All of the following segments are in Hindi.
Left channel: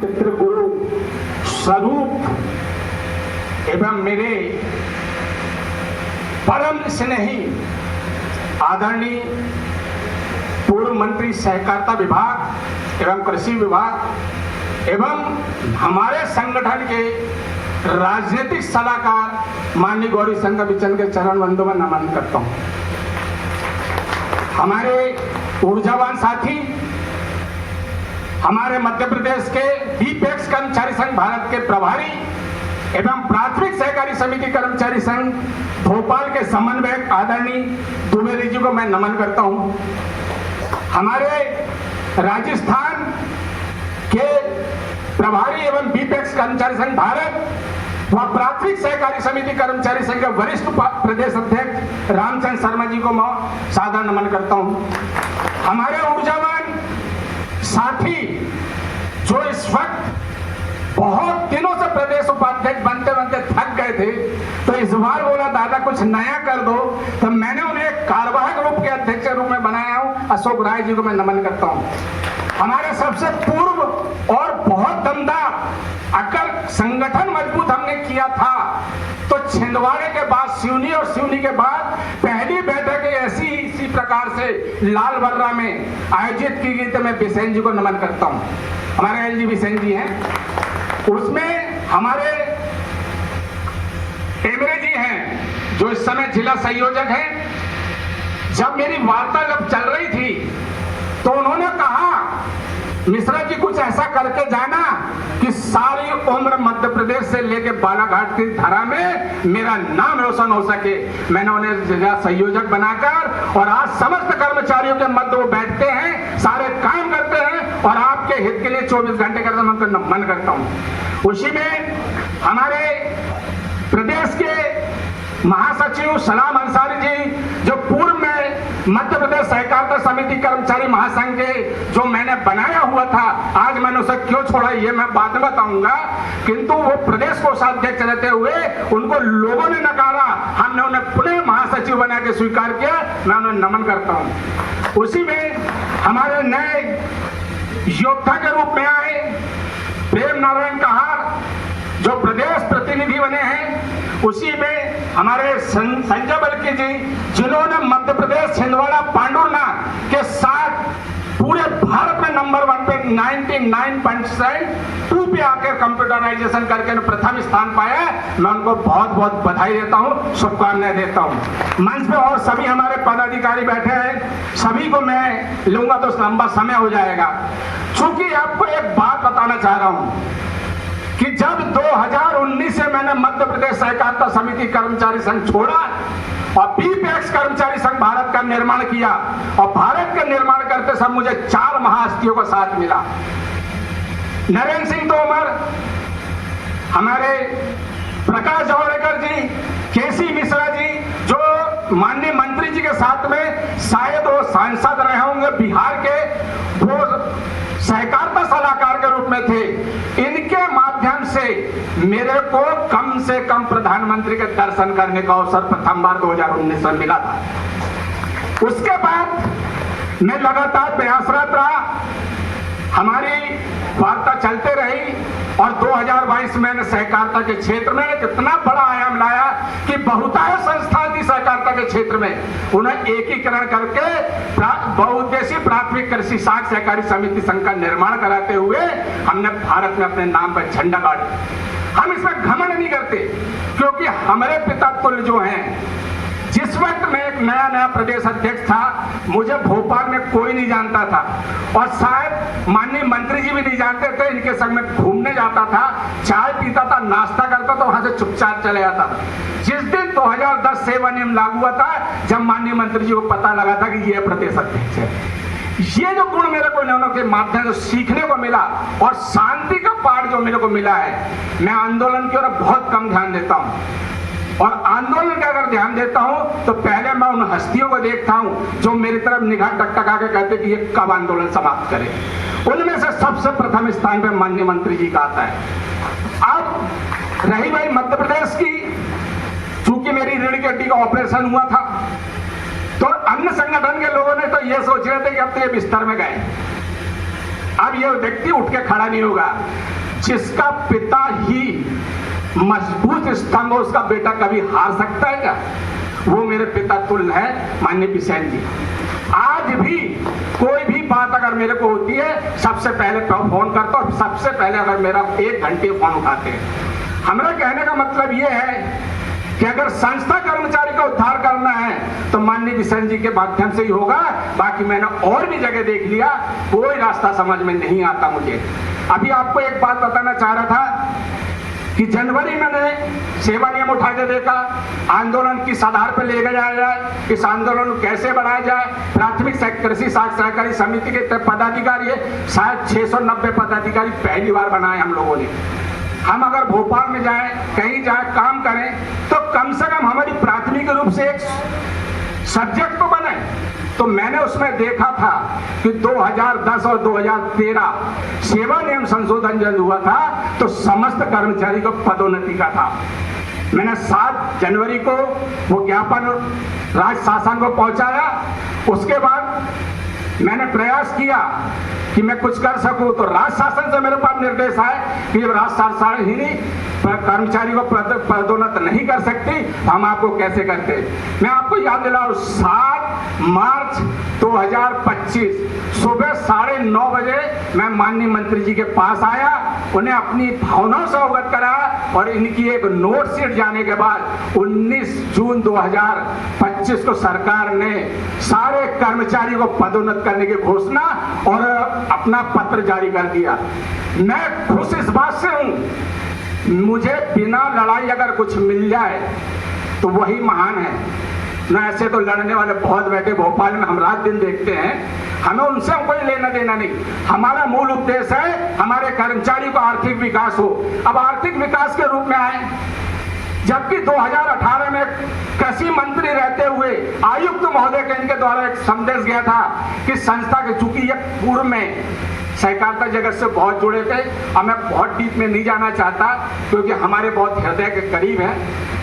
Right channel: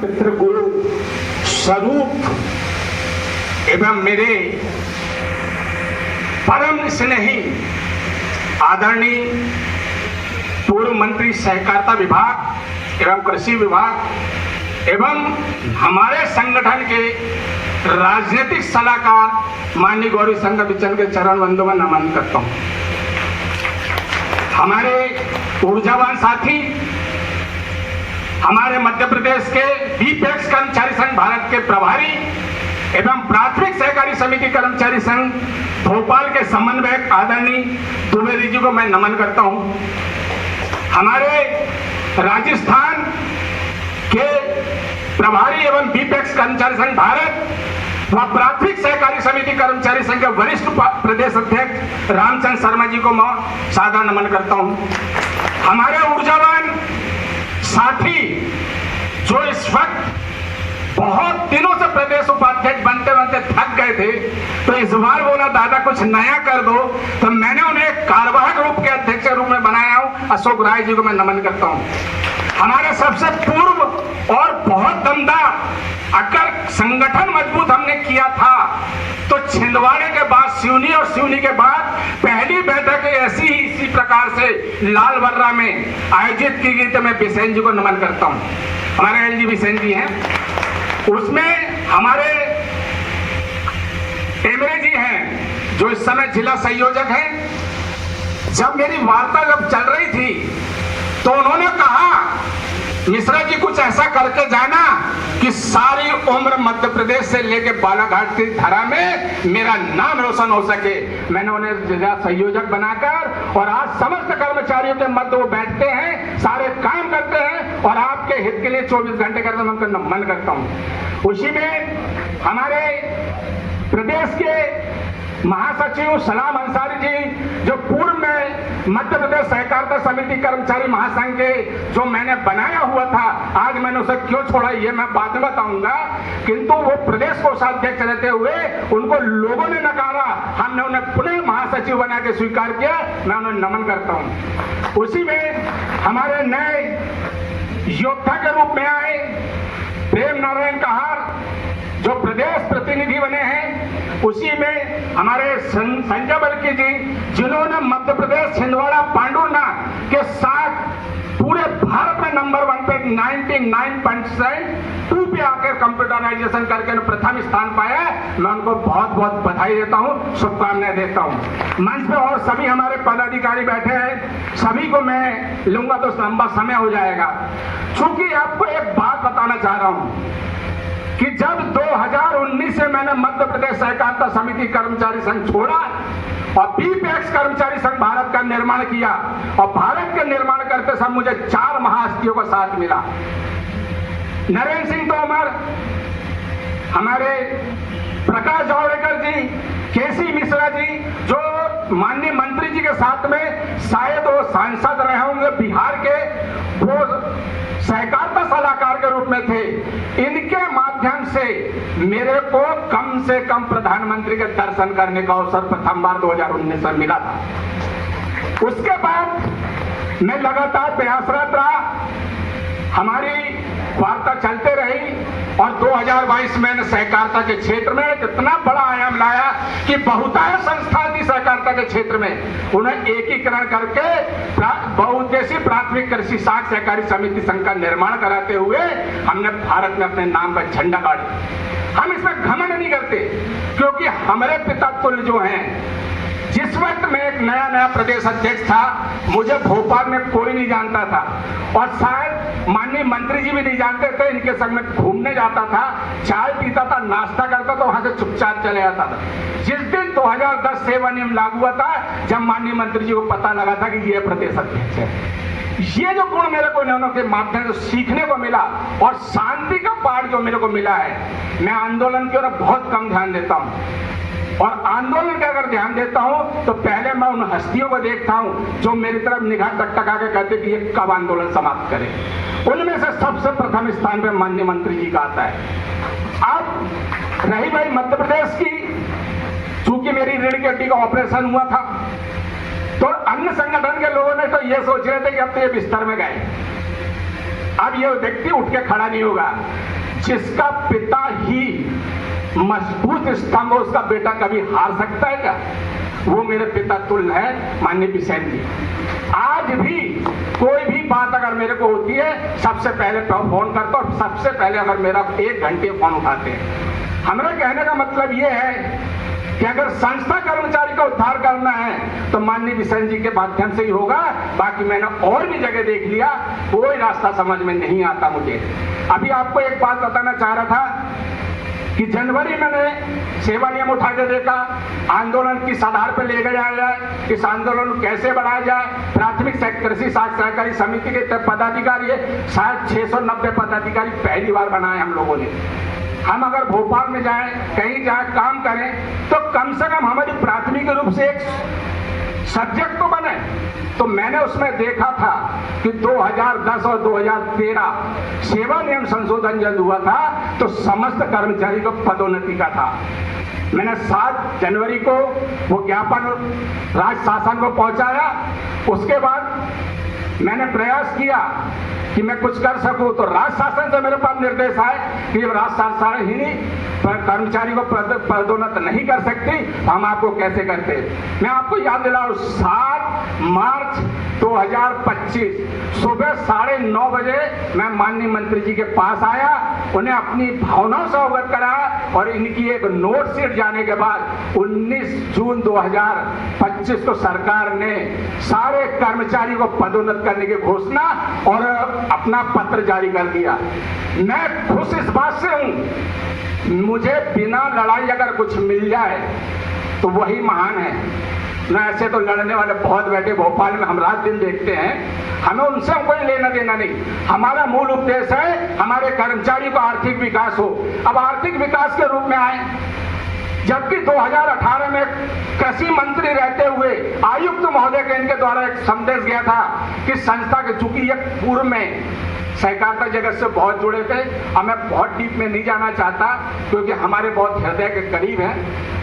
पितृगुरु स्वरूप एवं मेरे परम स्नेही आदरणीय पूर्व मंत्री सहकारिता विभाग एवं कृषि विभाग एवं हमारे संगठन के राजनीतिक सलाहकार माननीय गौरी शंकर बिचन के चरण बंदों में नमन करता हूं। हमारे ऊर्जावान साथी, हमारे मध्य प्रदेश के बीपीएक्स कर्मचारी संघ भारत के प्रभारी एवं प्राथमिक सहकारी समिति कर्मचारी संघ भोपाल के समन्वयक आदरणीय दुबे जी को मैं नमन करता हूं। हमारे राजस्थान के प्रभारी एवं बीपीएक्स कर्मचारी संघ भारत व प्राथमिक सहकारी समिति कर्मचारी संघ के वरिष्ठ प्रदेश अध्यक्ष रामचंद्र शर्मा जी को मैं सादर नमन करता हूं। हमारे ऊर्जावान साथी जो इस वक्त बहुत दिनों से प्रदेश उपाध्यक्ष बनते बनते थक गए थे, तो इस बार बोला दादा कुछ नया कर दो, तो मैंने उन्हें कार्यवाहक रूप के अध्यक्ष के रूप में बनाया हूं। अशोक राय जी को मैं नमन करता हूं। हमारे सबसे पूर्व और बहुत दमदार अगर संगठन मजबूत हमने किया था तो छिंदवाड़े के बाद सिवनी और सिवनी के बाद पहली बैठक ऐसी ही इसी प्रकार से लाल बर्रा में आयोजित की गई, तो मैं बिसेन जी को नमन करता हूं। हमारे एल जी बिसेन जी हैं, उसमें हमारे टेमरे जी हैं जो इस समय जिला संयोजक हैं। जब मेरी वार्तालाप चल रही थी तो उन्होंने कहा मिश्रा जी कुछ ऐसा करके जाना कि सारी उम्र मध्य प्रदेश से लेके बालाघाट की धरा में मेरा नाम रोशन हो सके। मैंने उन्हें जिला संयोजक बनाकर और आज समस्त कर्मचारियों के मध्य वो बैठते हैं, सारे काम करते हैं और आपके हित के लिए 24 घंटे का मन करता हूं। उसी में हमारे प्रदेश के महासचिव सलाम अंसारी जी जो पूर्व में मध्य प्रदेश सहकारिता समिति कर्मचारी महासंघ के जो मैंने बनाया हुआ था, आज मैंने उसे क्यों छोड़ा ये मैं बाद में बताऊंगा, किंतु वो प्रदेश कोषाध्यक्ष रहते हुए उनको लोगों ने नकारा, हमने उन्हें पुनः महासचिव बना के स्वीकार किया। मैं उन्हें नमन करता हूं। उसी में हमारे नए योद्धा के रूप में आए प्रेम नारायण कहार जो प्रदेश प्रतिनिधि बने हैं, उसी में हमारे संजय बल्की जी जिन्होंने मध्य प्रदेश छिंदवाड़ा पांडुरना के साथ पूरे भारत में नंबर 1 पे 99.2 पे आकर कंप्यूटराइजेशन करके प्रथम स्थान पाया। मैं उनको बहुत बहुत बधाई देता हूं, शुभकामनाएं देता हूं। मंच पे और सभी हमारे पदाधिकारी बैठे हैं, सभी को मैं लूंगा तो लंबा समय हो जाएगा। चूंकि आपको एक बात बताना चाह रहा हूं कि जब 2019 से मैंने मध्य प्रदेश सहकारिता समिति कर्मचारी संघ छोड़ा और बीपीएक्स कर्मचारी संघ भारत का निर्माण किया और भारत का निर्माण करते समय मुझे 4 महाहस्तियों का साथ मिला। नरेंद्र सिंह तोमर, हमारे प्रकाश जावड़ेकर जी, केसी मिश्रा जी जो माननीय मंत्री जी के साथ में शायद वो सांसद रहे होंगे बिहार के, वो सहकारिता सलाहकार के रूप में थे। इनके माध्यम से मेरे को कम से कम प्रधानमंत्री के दर्शन करने का अवसर प्रथम बार 2019 में मिला था। उसके बाद मैं लगातार प्रयासरत रहा, हमारी वार्ता चलते रही और 2022 मैंने सहकारिता के क्षेत्र में इतना बड़ा आयाम लाया कि बहुतायत संस्था थी सहकारिता के क्षेत्र में, उन्हें एकीकरण करके बहुउद्देशीय प्राथमिक कृषि साख सहकारी समिति संघ का निर्माण कराते हुए हमने भारत में अपने नाम का झंडा गाड़ा। हम इसमें घमंड नहीं करते क्योंकि हमारे पिता तुल्य जो हैं, जिस वक्त मैं एक नया प्रदेश अध्यक्ष था, मुझे भोपाल में कोई नहीं जानता था और शायद माननीय मंत्री जी भी नहीं जानते थे। इनके संग में घूमने जाता था, चाय पीता था, नाश्ता करता था, वहां से चुपचाप चले जाता था। जिस दिन 2010 सेवा नियम लागू हुआ था, जब माननीय मंत्री जी को पता लगा था कि ये प्रदेश अध्यक्ष है, ये जो गुण मेरे को इन्होंने के माध्यम से सीखने को मिला और शांति का पाठ जो मेरे को मिला है, मैं आंदोलन की ओर बहुत कम ध्यान देता हूं और आंदोलन का अगर ध्यान देता हूं तो पहले मैं उन हस्तियों को देखता हूं जो मेरी तरफ निगाह टकटका के कहते कि ये कब आंदोलन समाप्त करे। उनमें से सबसे प्रथम स्थान पर माननीय मंत्री जी का आता है। अब रही भाई मध्य प्रदेश की, चूंकि मेरी रीढ़ की हड्डी का ऑपरेशन हुआ था तो अन्य संगठन के लोगों ने तो ये सोच रहे थे कि अब तो ये बिस्तर में गए, अब ये व्यक्ति उठ के खड़ा नहीं होगा। जिसका पिता ही मजबूत स्तंभ हो, उसका बेटा कभी हार सकता है क्या? वो मेरे पिता तुल्य है माननीय बिसेन जी। आज भी कोई भी बात अगर मेरे को होती है, सबसे पहले फोन करता हूं और सबसे पहले अगर मेरा 1 घंटे फोन उठाते हैं। हमारा कहने का मतलब ये है कि अगर संस्था कर्मचारी का उद्धार करना है तो माननीय बिसेन जी के माध्यम से ही होगा। बाकी मैंने और भी जगह देख लिया, कोई रास्ता समझ में नहीं आता मुझे। अभी आपको एक बात बताना चाह रहा था कि जनवरी में मैंने सेवा नियम उठा के देखा, आंदोलन किस आधार पर ले जाया जाए, इस आंदोलन को कैसे बढ़ाया जाए। प्राथमिक कृषि सहकारी समिति के पदाधिकारी है, शायद 690 पदाधिकारी पहली बार बनाए हम लोगों ने। हम अगर भोपाल में जाएं, कहीं जाए काम करें, तो कम से कम हमारी प्राथमिक रूप से एक सब्जेक्ट तो बने। तो मैंने उसमें देखा था कि 2010 और 2013 सेवा नियम संशोधन जब हुआ था तो समस्त कर्मचारी को पदोन्नति का था। मैंने 7 जनवरी को वो ज्ञापन राज्य शासन को पहुंचाया। उसके बाद मैंने प्रयास किया कि मैं कुछ कर सकूं, तो राज्य शासन से मेरे पास निर्देश आए कि राज्य शासन ही कर्मचारी को पदोन्नत नहीं कर सकती, हम आपको कैसे करते। मैं आपको याद दिलाऊं, 7 मार्च 2025 सुबह 9:30 बजे मैं माननीय मंत्री जी के पास आया, उन्हें अपनी भावनाओं से अवगत कराया और इनकी एक नोट शीट जाने के बाद 19 जून 2025 को सरकार ने सारे कर्मचारी को पदोन्नत करने की घोषणा और अपना पत्र जारी कर दिया। मैं खुश इस बात से हूं, मुझे बिना लड़ाई अगर कुछ मिल जाए तो वही महान है। न ऐसे तो लड़ने वाले बहुत बैठे भोपाल में, हम रात दिन देखते हैं, हमें उनसे कोई लेना देना नहीं। हमारा मूल उद्देश्य है हमारे कर्मचारी का आर्थिक विकास हो। अब आर्थिक विकास के रूप में आए, जबकि 2018 में कृषि मंत्री रहते हुए आयुक्त महोदय के इनके द्वारा एक संदेश गया था कि संस्था के, चूंकि ये पूर्व में सहकारिता जगत से बहुत जुड़े थे, अब मैं बहुत डीप में नहीं जाना चाहता क्योंकि हमारे बहुत हृदय के करीब है।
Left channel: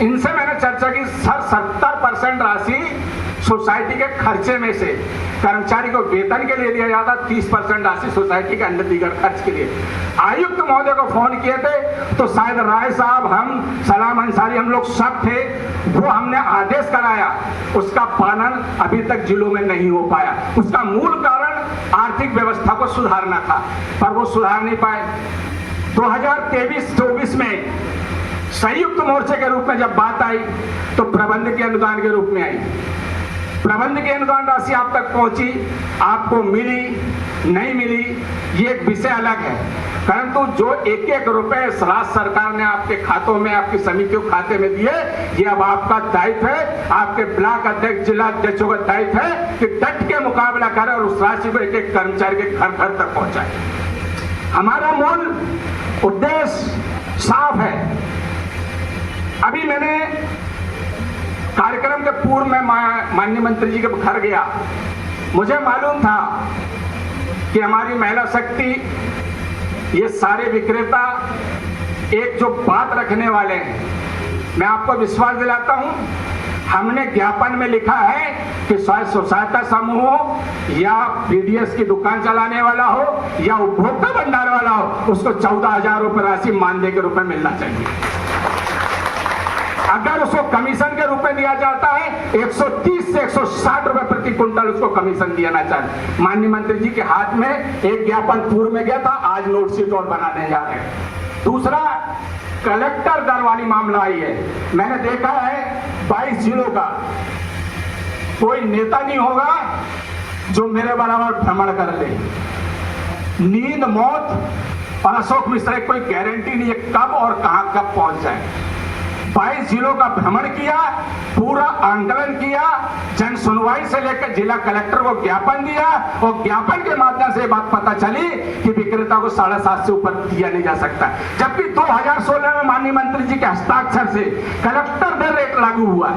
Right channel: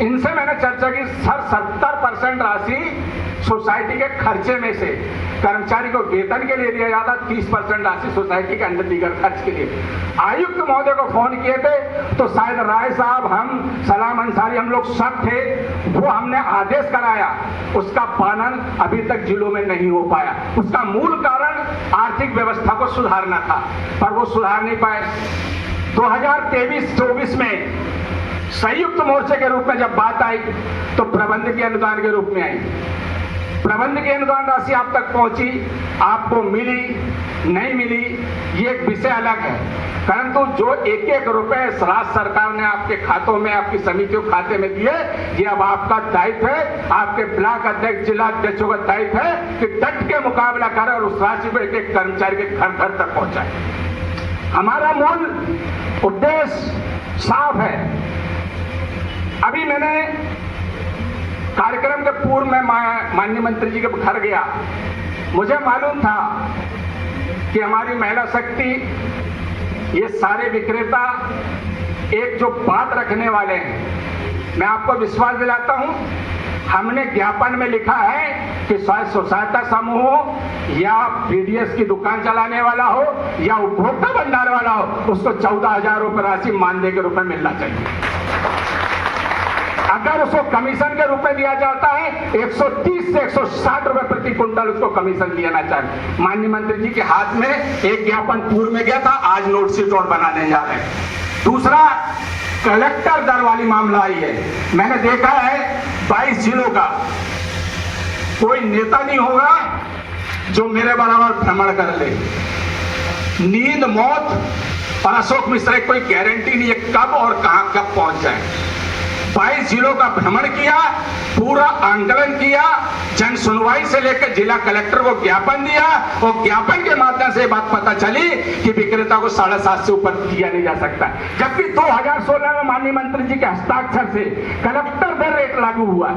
इनसे मैंने चर्चा की, सर 70% राशि सोसाइटी के खर्चे में से कर्मचारी को वेतन के लिए दिया जाता, 30% राशि सोसाइटी के अंदर दीगर खर्च के लिए। आयुक्त महोदय को फोन किए थे तो शायद राय साहब, हम सलाम अंसारी, हम लोग सब थे, वो हमने आदेश कराया, उसका पालन अभी तक जिलों में नहीं हो पाया। उसका मूल कारण आर्थिक व्यवस्था को सुधारना था, पर वो सुधार नहीं पाए। 2023-24 में संयुक्त मोर्चे के रूप में जब बात आई तो प्रबंध के अनुदान के रूप में आई। प्रबंध की अनुदान राशि आप तक पहुंची, आपको मिली नहीं मिली, ये एक विषय अलग है, परंतु जो 1-1 रुपए राज्य सरकार ने आपके खातों में, आपकी समितियों के खाते में दिए, ये अब आपका दायित्व है, आपके ब्लॉक अध्यक्ष, जिला अध्यक्षों का दायित्व है कि डट के मुकाबला करें और उस राशि को एक कर्मचारी के घर घर तक पहुंचाए। हमारा मूल उद्देश्य साफ है। अभी मैंने कार्यक्रम के पूर्व में माननीय मंत्री जी के घर गया, मुझे मालूम था कि हमारी महिला शक्ति, ये सारे विक्रेता एक जो बात रखने वाले हैं, मैं आपको विश्वास दिलाता हूं, हमने ज्ञापन में लिखा है कि स्वसहायता समूह हो या पीडीएस की दुकान चलाने वाला हो या उपभोक्ता भंडार वाला हो, उसको 14,000 रुपए राशि मानदेय के रूप में मिलना चाहिए। अगर उसको कमीशन के रूप में दिया जाता है 130 से 160 रुपए प्रति क्विंटल उसको कमीशन दिया चाहिए। माननीय मंत्री जी के हाथ में एक ज्ञापन पूर्व में गया था, आज नोट शीट और बनाने जा रहे हैं। दूसरा, कलेक्टर दर वाली मामला आई है। मैंने देखा है 22 जिलों का कोई नेता नहीं होगा जो मेरे बराबर भ्रमण कर ले। नींद, मौत और अशोक मिश्रा की कोई गारंटी नहीं है कब और कहां कब पहुंच जाए। 22 जिलों का भ्रमण किया, पूरा आंकलन किया, जन सुनवाई से लेकर जिला कलेक्टर को ज्ञापन दिया और ज्ञापन के माध्यम से बात पता चली कि विक्रेता को 7.5 से ऊपर दिया नहीं जा सकता। जबकि 2016 में माननीय मंत्री जी के हस्ताक्षर से कलेक्टर दर रेट लागू हुआ,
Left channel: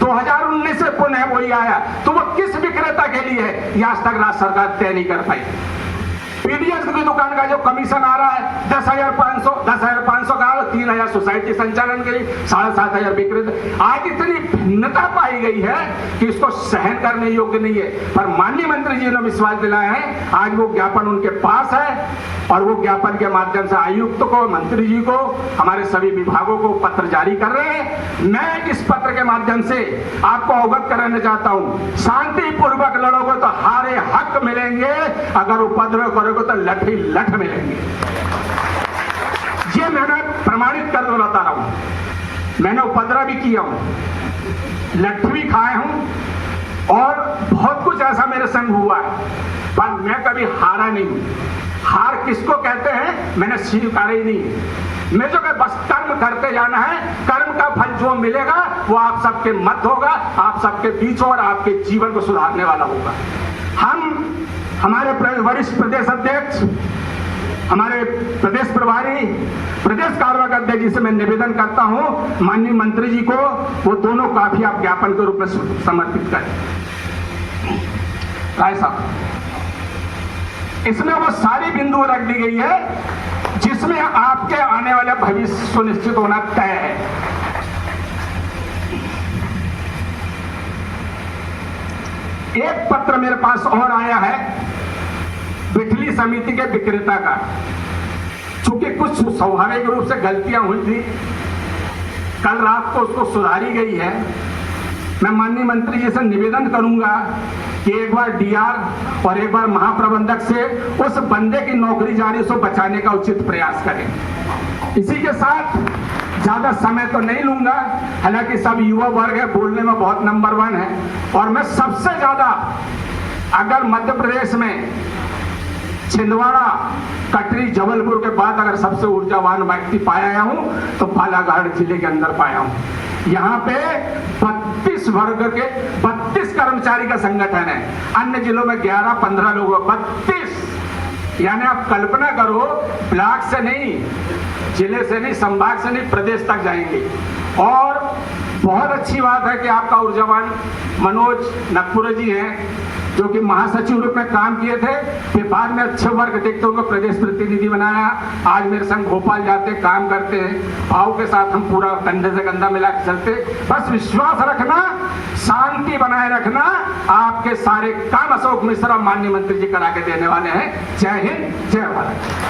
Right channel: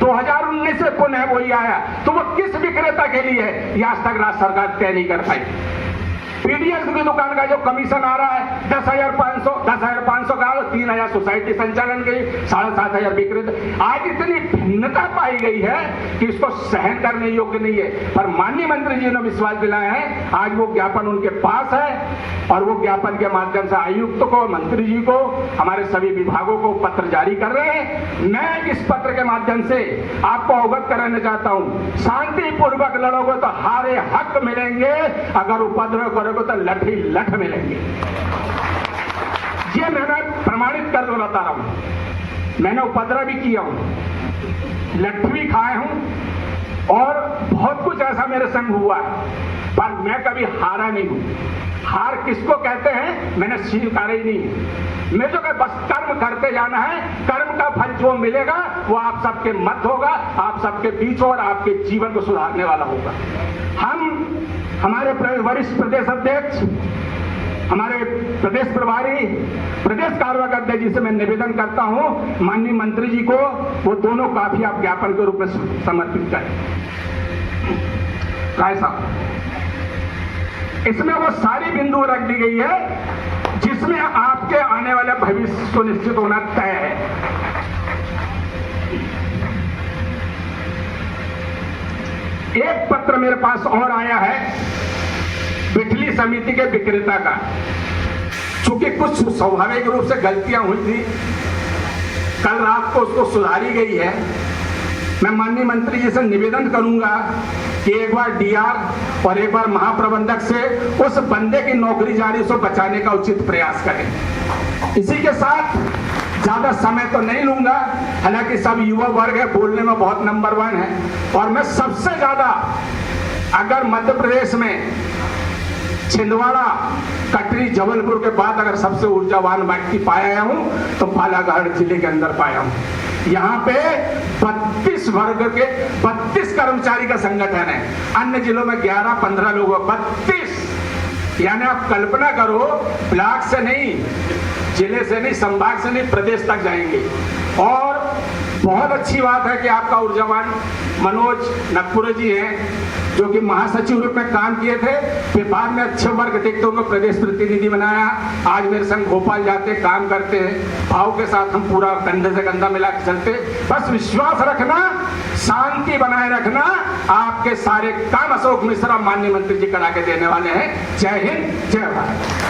2019 से पुनः वही आया, तो वो किस विक्रेता के लिए है, यह आज तक राज्य सरकार तय नहीं कर पाई। पीडीएस की दुकान का जो कमीशन आ रहा है 10,500 का, 3,000 सोसाइटी की संचालन की 7,500 विकृत। आज इतनी भिन्नता पाई गई है कि इसको सहन करने योग्य नहीं है, पर माननीय मंत्री जी ने विश्वास दिलाया है। आज वो ज्ञापन उनके पास है और वो ज्ञापन के माध्यम से आयुक्त को, मंत्री जी को, हमारे सभी विभागों को पत्र जारी कर रहे हैं। मैं इस पत्र के माध्यम से आपको अवगत कराना चाहता हूं, शांतिपूर्वक लड़ोगे तो हारे हक मिलेंगे, अगर उपद्रव करोगे तो लठ ही लठ मिलेंगे। ये मैंने प्रमाणित कर बता रहा हूं। मैंने उपद्रव भी किया हूं, लठ भी खाए हूं और बहुत कुछ ऐसा मेरे संग हुआ है, पर मैं कभी हारा नहीं। हार किसको कहते हैं मैंने स्वीकार ही नहीं। मैं जो कि बस कर्म करते जाना है, कर्म का फल जो मिलेगा वो आप सबके मत होगा, आप सबके बीच और आपके जीवन को सुधारने वाला होगा। हम हमारे वरिष्ठ प्रदेश अध्यक्ष, हमारे प्रदेश प्रभारी, प्रदेश कार्यवाहक अध्यक्ष जी से मैं निवेदन करता हूं, माननीय मंत्री जी को वो दोनों काफी आप ज्ञापन के रूप में समर्पित करें। राय साहब, इसमें वो सारी बिंदु रख दी गई है जिसमें आपके आने वाला भविष्य सुनिश्चित होना तय है। एक पत्र मेरे पास और आया है बिजली समिति के विक्रेता का, चूंकि कुछ स्वाभाविक रूप से गलतियां हुई थी, कल रात को उसको सुधारी गई है। मैं माननीय मंत्री जी से निवेदन करूंगा कि एक बार डीआर और एक बार महाप्रबंधक से उस बंदे की नौकरी जारी से बचाने का उचित प्रयास करें। इसी के साथ ज्यादा समय तो नहीं लूंगा, हालांकि सब युवा वर्ग है, बोलने में बहुत नंबर 1 है। और मैं सबसे ज्यादा अगर मध्य प्रदेश में छिंदवाड़ा, कटरी, जबलपुर के बाद अगर सबसे ऊर्जावान व्यक्ति पाया हूं तो बालाघाट जिले के अंदर पाया हूं। यहाँ पे 32 वर्ग के 32 कर्मचारी का संगठन है, अन्य जिलों में 11-15 लोग, 32। यानी आप कल्पना करो, ब्लॉक से नहीं, जिले से नहीं, संभाग से नहीं, प्रदेश तक जाएंगे। और बहुत अच्छी बात है कि आपका ऊर्जावान मनोज नकपुरे जी हैं, जो कि महासचिव रूप में काम किए थे, फिर बाद में अच्छे वर्ग देखते उनको प्रदेश प्रतिनिधि बनाया। आज मेरे संग भोपाल जाते, काम करते हैं, भाव के साथ हम पूरा कंधे से कंधा मिला के चलते। बस विश्वास रखना, शांति बनाए रखना, आपके सारे काम अशोक मिश्रा माननीय मंत्री जी करा के देने वाले हैं। जय हिंद, जय भारत।